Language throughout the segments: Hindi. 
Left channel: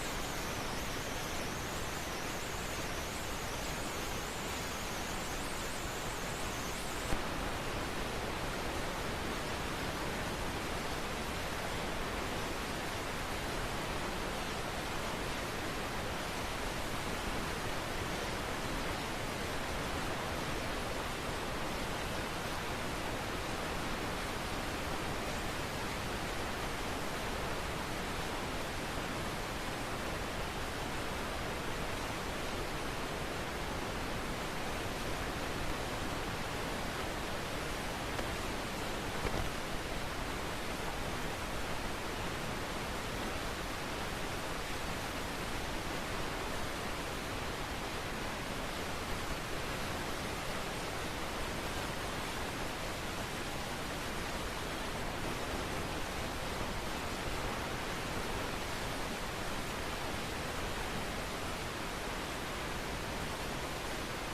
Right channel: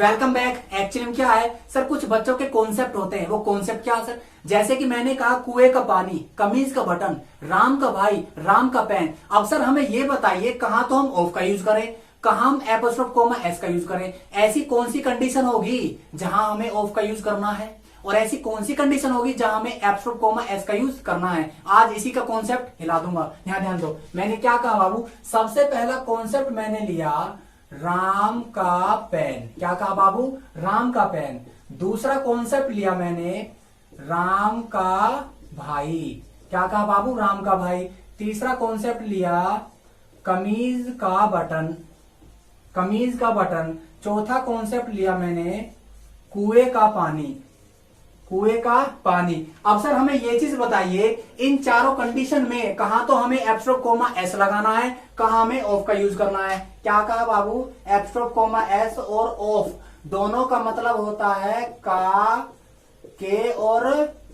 Welcome back. एक्चुअली में क्या है सर, कुछ बच्चों के कॉन्सेप्ट होते हैं। वो कॉन्सेप्ट क्या सर, जैसे कि मैंने कहा कुएं का पानी, कमीज का बटन, राम का भाई, राम का पेन। अब सर हमें ये बताइए कहाँ तो हम ऑफ का यूज करें, कहाँ हम एपोस्ट्रोफ कोमा एस का यूज करें। ऐसी कौन सी कंडीशन होगी जहां हमें ऑफ का यूज करना है, और ऐसी कौन सी कंडीशन होगी जहां हमें एपोस्ट्रोफ कोमा एस का यूज करना है। आज इसी का कॉन्सेप्ट हिला दूंगा। ध्यान दो, मैंने क्या कहा बाबू, सबसे पहला कॉन्सेप्ट मैंने लिया राम का पेन। क्या कहा बाबू, राम का पेन। दूसरा कॉन्सेप्ट लिया मैंने राम का भाई। क्या कहा बाबू, राम का भाई। तीसरा कॉन्सेप्ट लिया कमीज का बटन, कमीज का बटन। चौथा कॉन्सेप्ट लिया मैंने कुएं का पानी, कुएं का पानी। अब सर हमें ये चीज बताइए, इन चारों कंडीशन में कहा तो हमें एपोस्ट्रोफ कोमा एस लगाना है, कहा हमें ऑफ का यूज करना है। क्या कहा बाबू, एपोस्ट्रोफ कोमा एस और ऑफ दोनों का मतलब होता है का, के और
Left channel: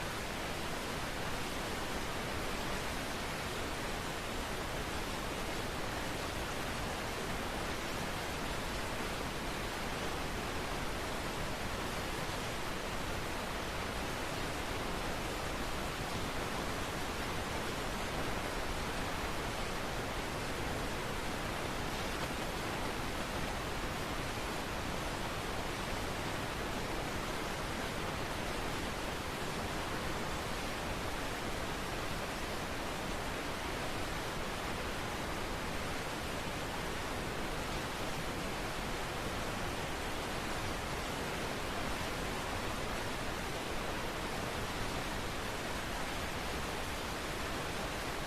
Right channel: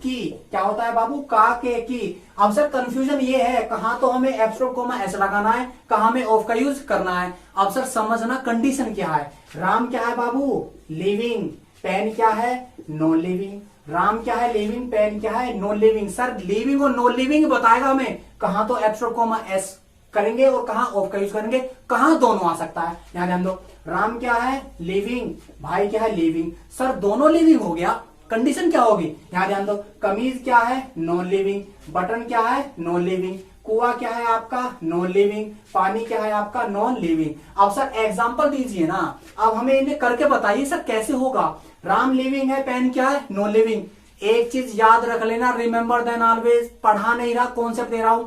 की। क्या होता है बाबू, का, के, की। अब सर कंफ्यूजन ये है, कहा तो हमें एपोस्ट्रोफ कोमा एस लगाना है, कहा हमें ऑफ का यूज करना है। अब सर समझना कंडीशन क्या है। राम क्या है बाबू, लिविंग। पेन क्या है, नॉन लिविंग। राम क्या है, लिविंग। पेन क्या है, नॉन लिविंग। सर लिविंग और नॉन लिविंग बताएगा हमें, कहाँ तो एपोस्ट्रोफ कोमा एस करेंगे और कहाँ ऑफ का यूज करेंगे, कहाँ दोनों आ सकता है। यहाँ ध्यान दो, राम क्या है, लिविंग, भाई क्या है, लिविंग। सर दोनों लिविंग हो गया, कंडीशन क्या होगी, यहाँ ध्यान दो, कमीज क्या है, नॉन लिविंग। बटन क्या है, नॉन लिविंग। कुआ क्या है आपका, नॉन लिविंग। पानी क्या है आपका, नॉन लिविंग। अब सर एग्जांपल दीजिए ना, अब हमें इन्हें करके बताइए सर कैसे होगा। राम लिविंग है, पेन क्या है, नॉन लिविंग। एक चीज याद रख लेना, रिमेंबर देन ऑलवेज। पढ़ा नहीं रहा, कॉन्सेप्ट दे रहा हूं।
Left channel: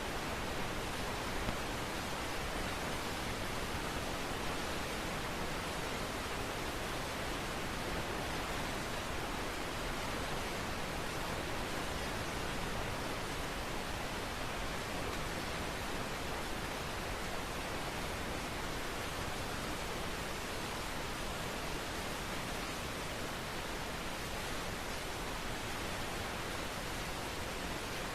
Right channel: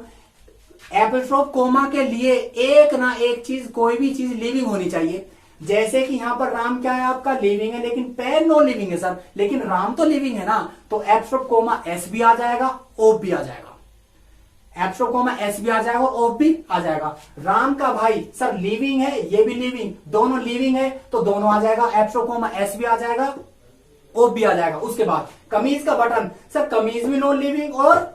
एपोस्ट्रोफ कोमा के लिए एक ना एक चीज, कोई भी चीज लिविंग होनी चाहिए। जैसे कि यहाँ पर राम क्या है आपका, लिविंग है, लेकिन पेन नॉन लिविंग है सर, लेकिन राम तो लिविंग है ना, तो एपोस्ट्रोफ कोमा एस भी आ जाएगा, ऑफ भी आ जाएगा। एपोस्ट्रोफ कोमा एस भी आ जाएगा, ऑफ भी आ जाएगा। राम का भाई सर लिविंग है, ये भी लिविंग, दोनों लिविंग है तो दोनों आ जाएगा। एपोस्ट्रोफ कोमा एस भी आ जाएगा, ऑफ भी आ जाएगा। उसके बाद कमीज का बटन, सर कमीज भी नॉन लिविंग और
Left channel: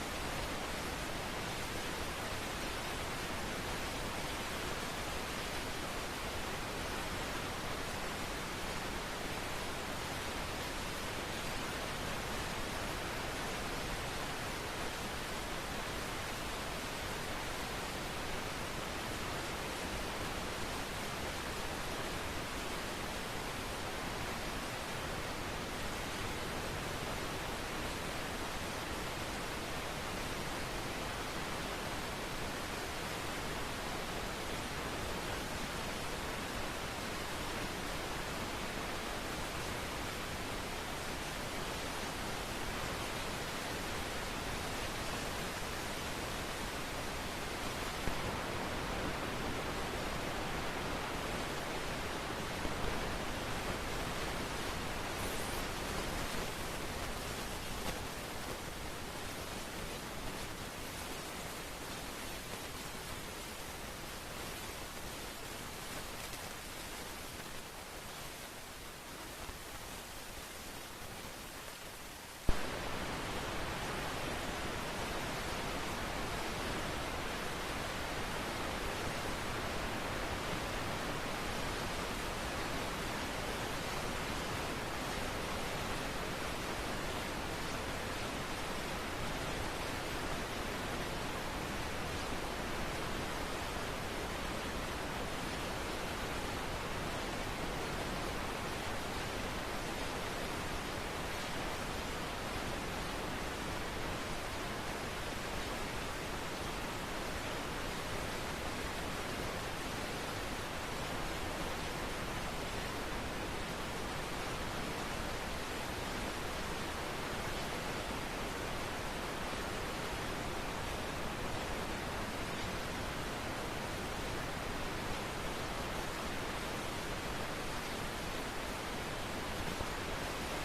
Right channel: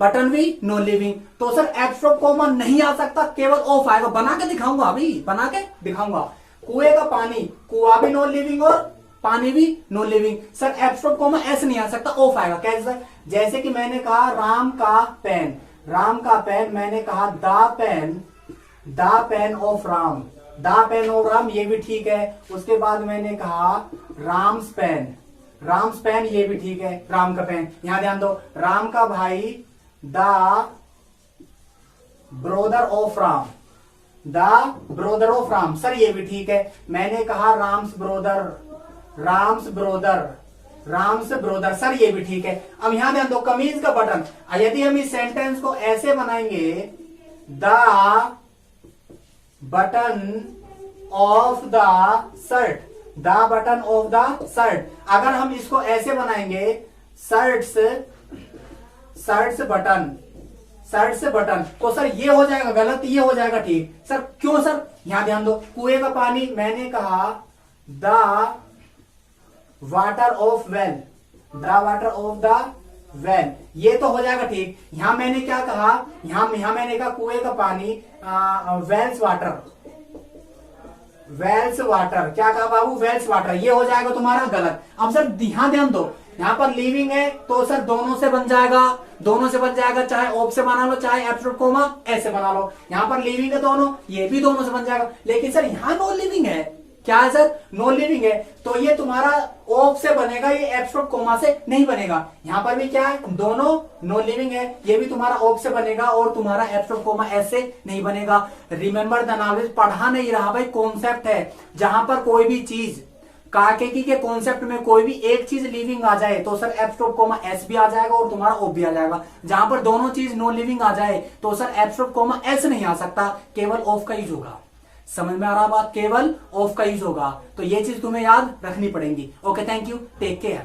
बटन भी नॉन लिविंग, तो सर एपोस्ट्रोफ कोमा नहीं आ सकता, केवल ऑफ आएगा। बना के दिखाऊंगा, अभी बना के दिखाऊंगा। कुएं का पानी, कुआ भी नॉन लिविंग और पानी भी non living. Sir apostrophe comma ऐसे नहीं आ सकता, ऑफ आएगा। कैसे, जैसे कि मैंने कहा राम का पेन, राम का पेन, मैंने कहा the pain of Ram, the pain of Ram, ये भी ठीक है। उसके बाद मैंने कहा राम्स पेन, राम्स पेन, ये भी ठीक है, राम का पेन। यहां ध्यान दो, राम का भाई the brother of Ram, the brother of Ram, sir ये भी ठीक है। मैंने कहा Ram's brother, Ram's brother, Ram's brother, sir ये भी ठीक है। अब यहां ध्यान दो, कमीज का बटन, यदि हम इस सेंटेंस को ऐसे बनाएंगे, the button of the shirt, the button of the shirt. अगर हम इसको ऐसे बनाएंगे, shirts, shirts button, shirts button, तो सर ये हो जाएगा गलत, ये हो जाएगा ठीक। सर क्यों सर, यहां ध्यान दो, कुएं का पानी, मैंने कहा the water of well, the water of the well, ये तो हो जाएगा ठीक। यहां मैंने क्या कहा, यहां मैंने कहा कुएं का पानी, वेल्स वाटर, वेल्स वाटर। क्या कहा बाबू, वेल्स वाटर, ये हो जाएगा तुम्हारा गलत। अब सर ध्यान दो, यहाँ पर लिविंग है तो सर दोनों से बन जाएगा, दोनों से बन जाएगा, चाहे ऑफ से बना लो चाहे एपोस्ट्रोफ कोमा एस से बना लो। यहाँ पर लिविंग है दोनों, ये भी दोनों से बन जाएगा। लेकिन सर यहाँ नॉन लिविंग है, क्या है सर, नॉन लिविंग है, तो ये तुम्हारा ऑफ से बनेगा, ये एपोस्ट्रोफ कोमा से नहीं बनेगा। यहाँ पर भी क्या है, दोनों नॉन लिविंग है, ये भी तुम्हारा ऑफ से बनेगा और तुम्हारा एपोस्ट्रोफ कोमा एस से नहीं बनेगा। रिमेंबर द नॉलेज, पढ़ा नहीं रहा भाई, कॉन्सेप्ट है। जहां पर कोई भी चीज, काकेकी के कॉन्सेप्ट में कोई भी एक चीज लिविंग आ जाए तो सर एपोस्ट्रोफ कोमा एस भी आ जाएगा और तुम्हारा ऑफ भी आ जाएगा। जहां पर दोनों चीज नॉन लिविंग आ जाए तो सर एपोस्ट्रोफ कोमा एस नहीं आ सकता, केवल ऑफ का यूज होगा। समझ में आ रहा बात, केवल ऑफ का यूज होगा। तो ये चीज तुम्हें याद रखनी पड़ेगी। Okay, thank you, take care.